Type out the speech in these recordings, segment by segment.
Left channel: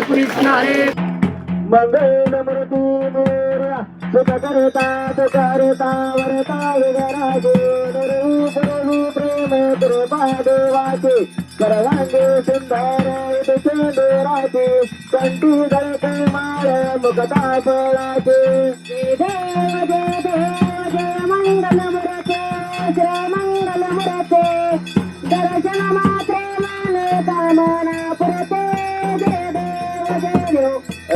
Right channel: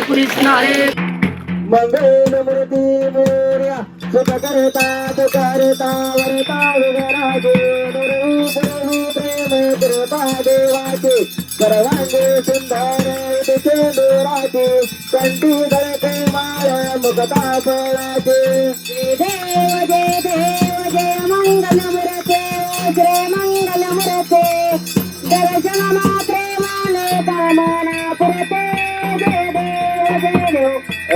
पुणे पुरीसणारे मंगलमूर्ती मोर्या सुख करता वरता विघराजे रूपी प्रेम कृपा देवाचे सर्वांगे सुंदर उदिते देवाचे कंठी गळके माळ मुखता फळाचे जय देव जय मंगलमूर्ते श्री मंगलमूर्ते दर्शन मात्रे माने कामना पुरते जय देव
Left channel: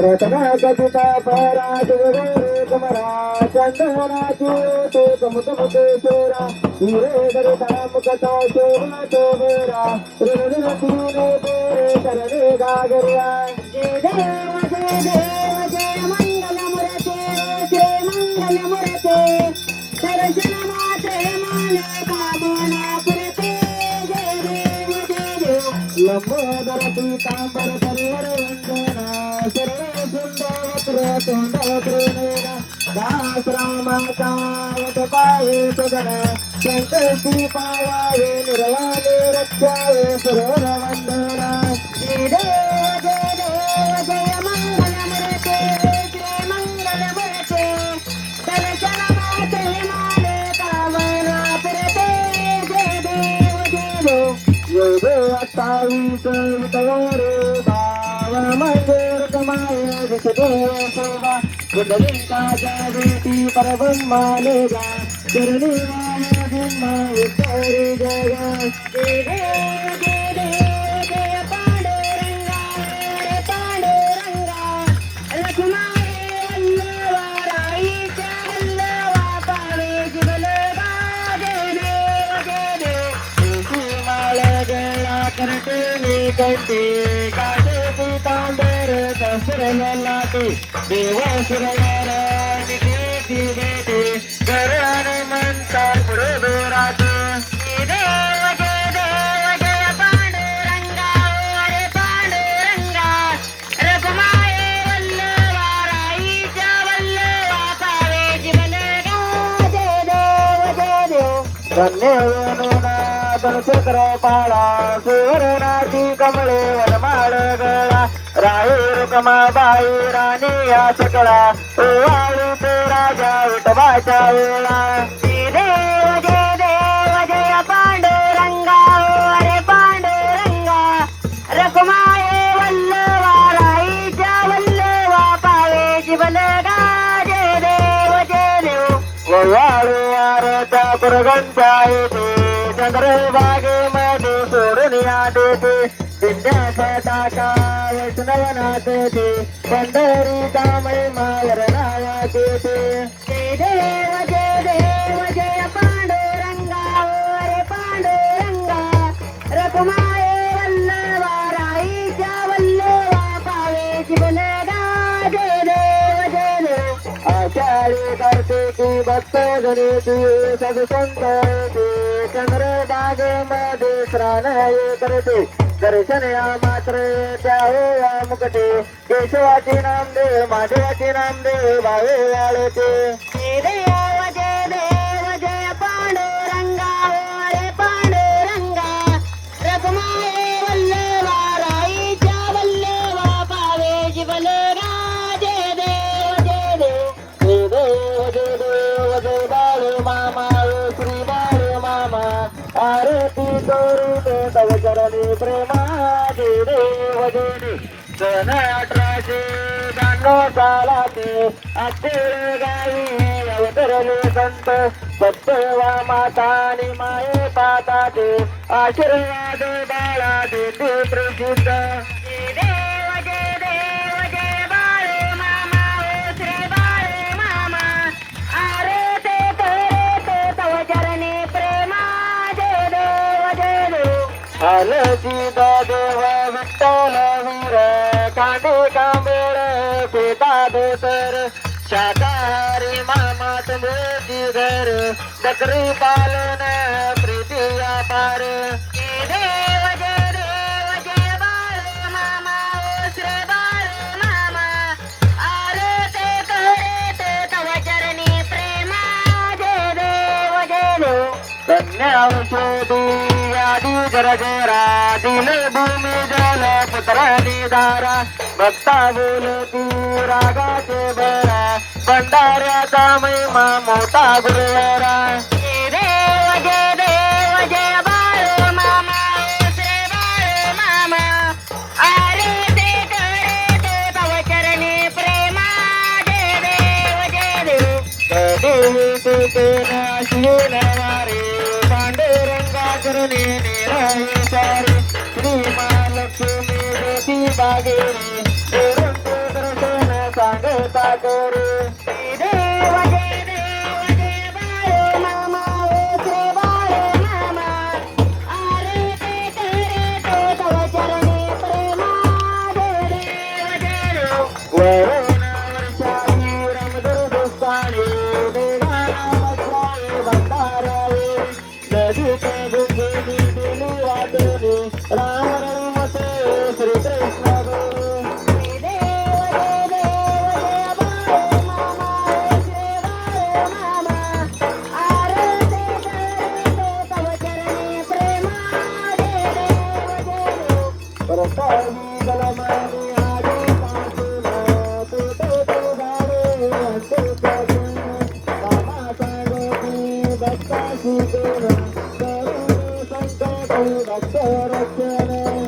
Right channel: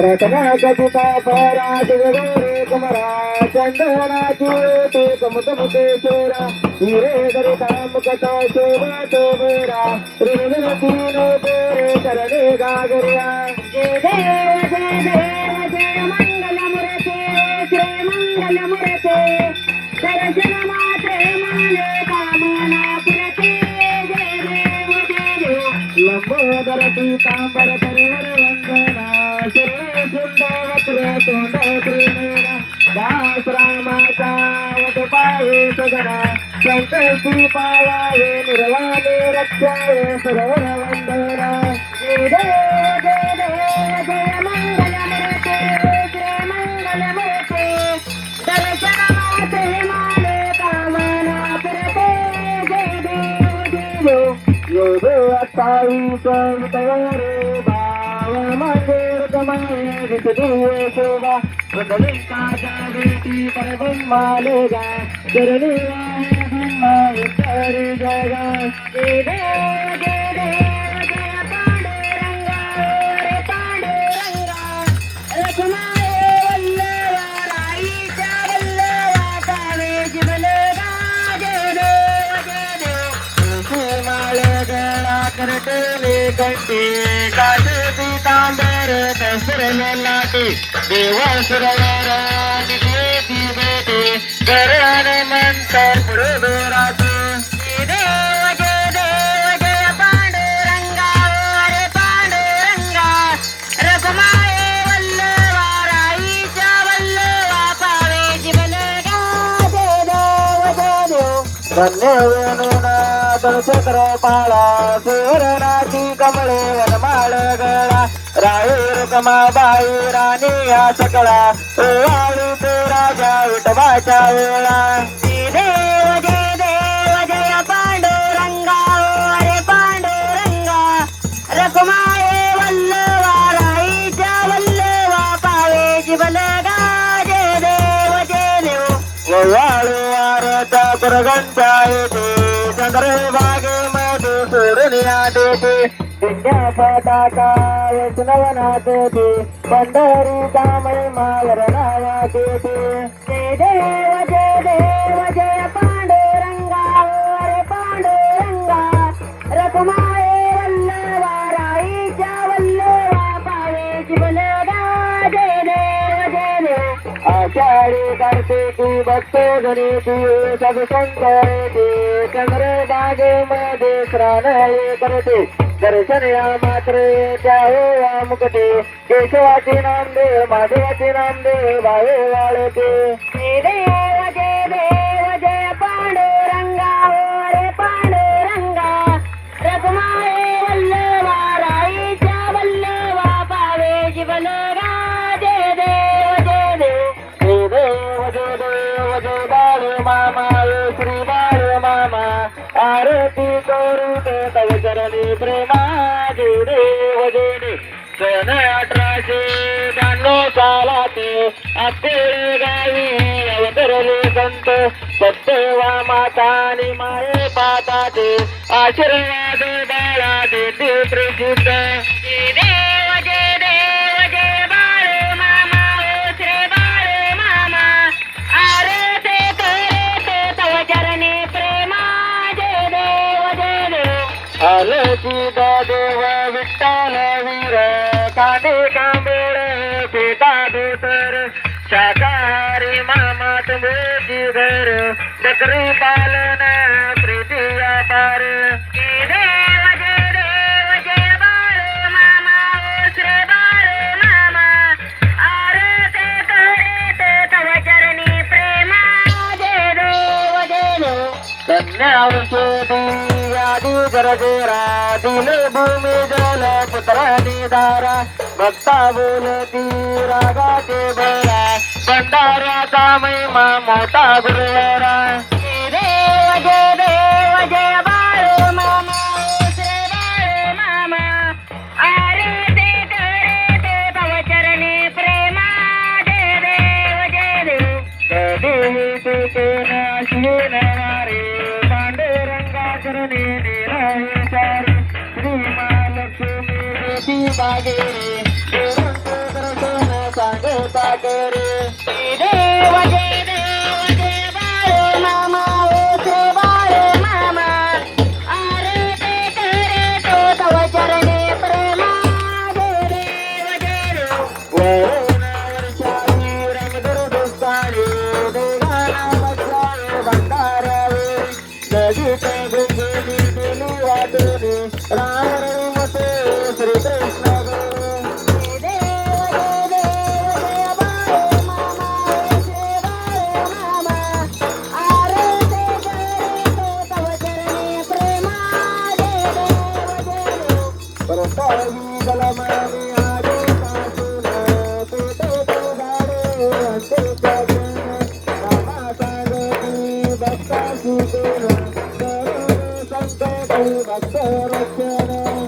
रत्ना कपिता परा दिगरे कमरा चंदनाची ते कमुकमुकेश्वरा हिरे दरिता मुकता शोभतो बेरा ऋण तीन बेरे करणे गागर्या जय देव जय मंगलमूर्ते श्री मंगलमूर्ते दर्शन मात्रे माने कामना पुरते जय देव लंबोदर पीतांबर परिवर वंदना शरण सुंदर तोंड प्रेरणा दास रामाचा वट पाये सगळा संकल्पी पावावे निर्वाणे रक्षावे सरोवर वंदना जय देव जय मंगलमूर्ते श्री मंगलमूर्ते दर्शन मात्रे माने कामना पुरते जय देव योग 28 वितवरे भाव मंगेर कमाये विषदीय शोभा वदलिंकाच्या वेटी परब्रह्माले जा चरणी वाहे ब्रह्मा विचारे जगा जय देव जय पांडुरंगा रे पांडुरंगा रखुमाये वल्लवा राईच्या वल्लवा पावे जिवलेला जय देव माळे गेला करते वे कंठी काशे पीतांबर दसरले लाटे देवा सरदार निघेती बेटे घराने मंतर पुढे बेराचे जय देव जय पांडुरंगा रे पांडुरंगा रखुमाये वल्लवा राईच्या वल्लवा पावे जिवलेला जय देव धन्य वेणुना दलचक्र पाळा सुवर्णाची कमळे वनमाळ गळा राहुर कमाबाई राणी या सकळा ओवाळू तो राजा विठोबाच्या वेळा जय देव जय पांडुरंगा रे पांडुरंगा रखुमाये वल्लवा राईच्या वल्लवा पावे जिवलगा जय देव ओवाळू आरता कुरगंचा येते चंद्रभागेमध्ये सोडून या देते विद्या पताका वैष्णवनाथ ते पंढरी कामळे मावर नावाचे ते जय देव जय पांडुरंगा रे पांडुरंगा रखुमाये वल्लवा राईच्या वल्लवा पावे जिवलगा जय देव आषाढी कार्तिकी भक्त गणेशी सदसंतरेती चंद्रभागेमध्ये स्नान करते दर्शन या मात्र त्या हो मुकटे केशवाचे नामदेव महादेवाचे नामदेव भावे वाळते जय देव जय पांडुरंगा रे पांडुरंगा रखुमाये वल्लवा राईच्या वल्लवा पावे जिवलगा जय देव जय बाळ मामा श्री बाळ मामा आरती करू दे तव चरणी प्रेमा जय देव सन 1892 सालाते आपले गावी अवतरले संत सत्यवा मातानी माये पाताते आशीर्वाद बाळा देते प्रसिद्ध जय देव जय बाळ मामा श्री बाळ मामा आरती करते तव चरणी प्रेमा जय देव आलती देव विठ्ठल वीर कांदे कांबोळ पेटा धोतर शाकाहारी मामा तुम्ही घर बकरी पालन प्रीती व्यापार जय देव जय बाळ मामा श्री बाळ मामा आरती करते तव चरणी प्रेमा जय देव कन्यावंशे दिव्यादी गरगेरा दिले भूमी जल पुत्रादी धारा भक्ता बोलती रागाचे भरा भंडाऱ्याचा महिमा मोठा गुरुवारा जय देव जय बाळू मामा ओ श्री बाळू मामा आरती करते तव चरणी प्रेमा जय देव कधीही सुटून शिवणारे पांडुरंगा चरणी निराळे सारे श्री महालक्ष्मी ज्योती बागेरे गुरूंचे दर्शन सांगता केरे देव जय बाळू मामा ओ श्री बाळू मामा आरती करते तव चरणी प्रेमा जय देव वरुणावर्षावी रंगदुर्गस्थानी देवाना बसवाळे भंडाऱ्यावे नदीचे गुंगेनी दिली वाटेने राम रघुवते श्रीकृष्ण परतावी बलमाने आगे पासून तुटे झाडे हस्ते रामा सांगती भक्ताशी करून संकट भक्त रक्षण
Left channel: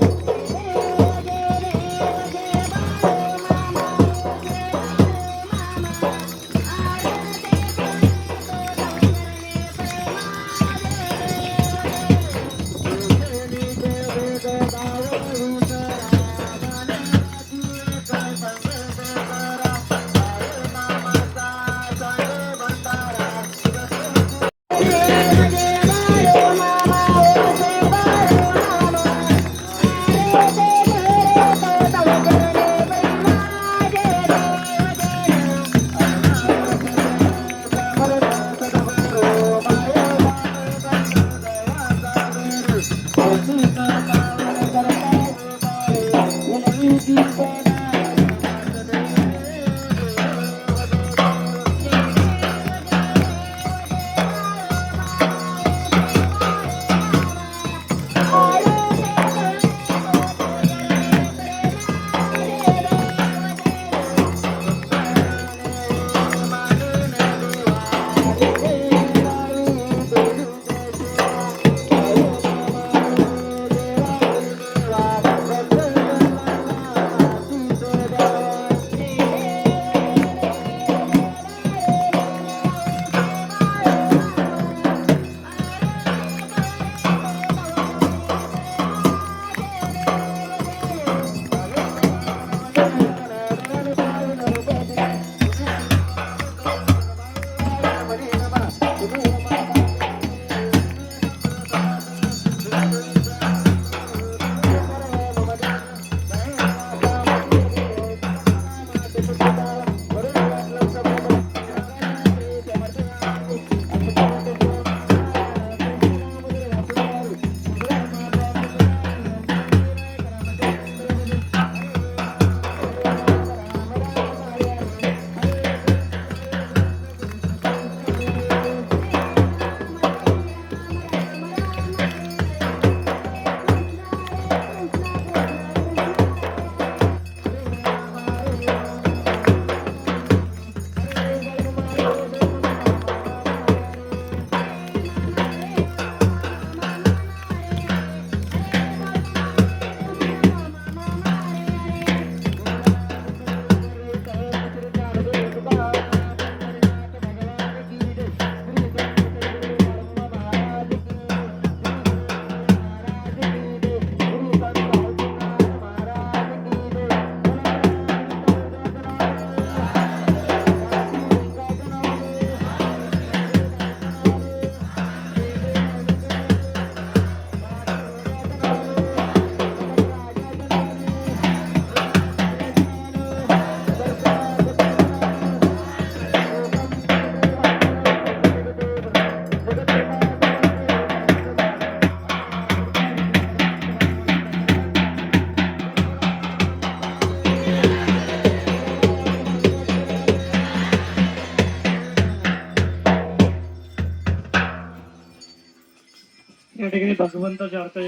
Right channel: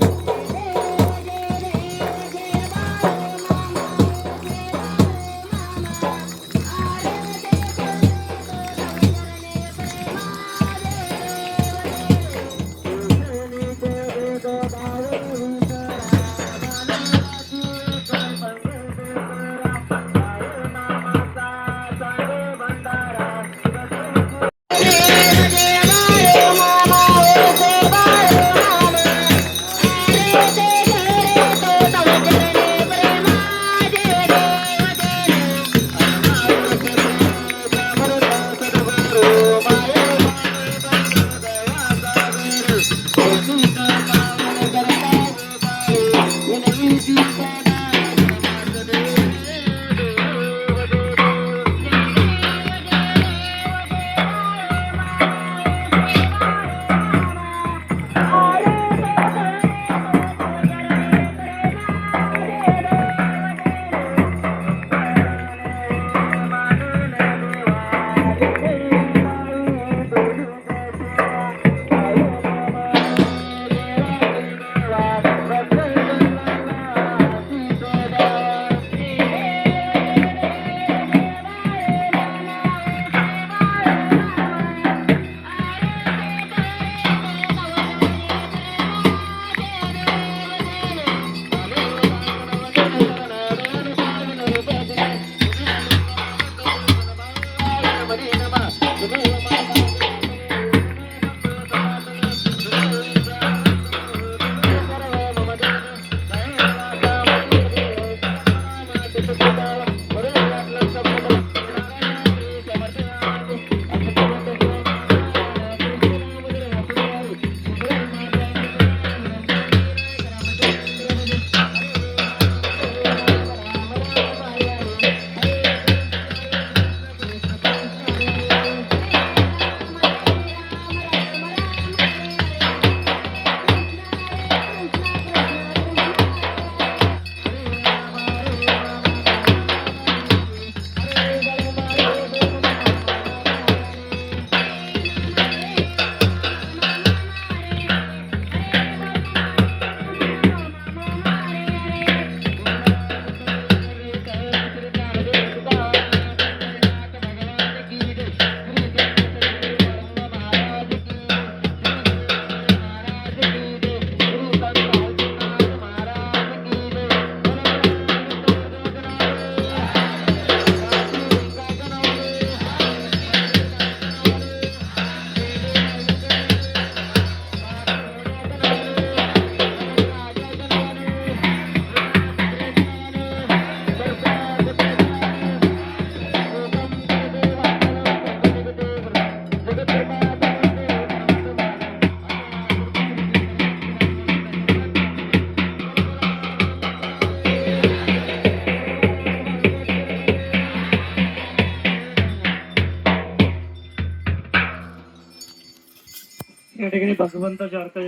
या ठिकाणी भगवंताच्या अर्थ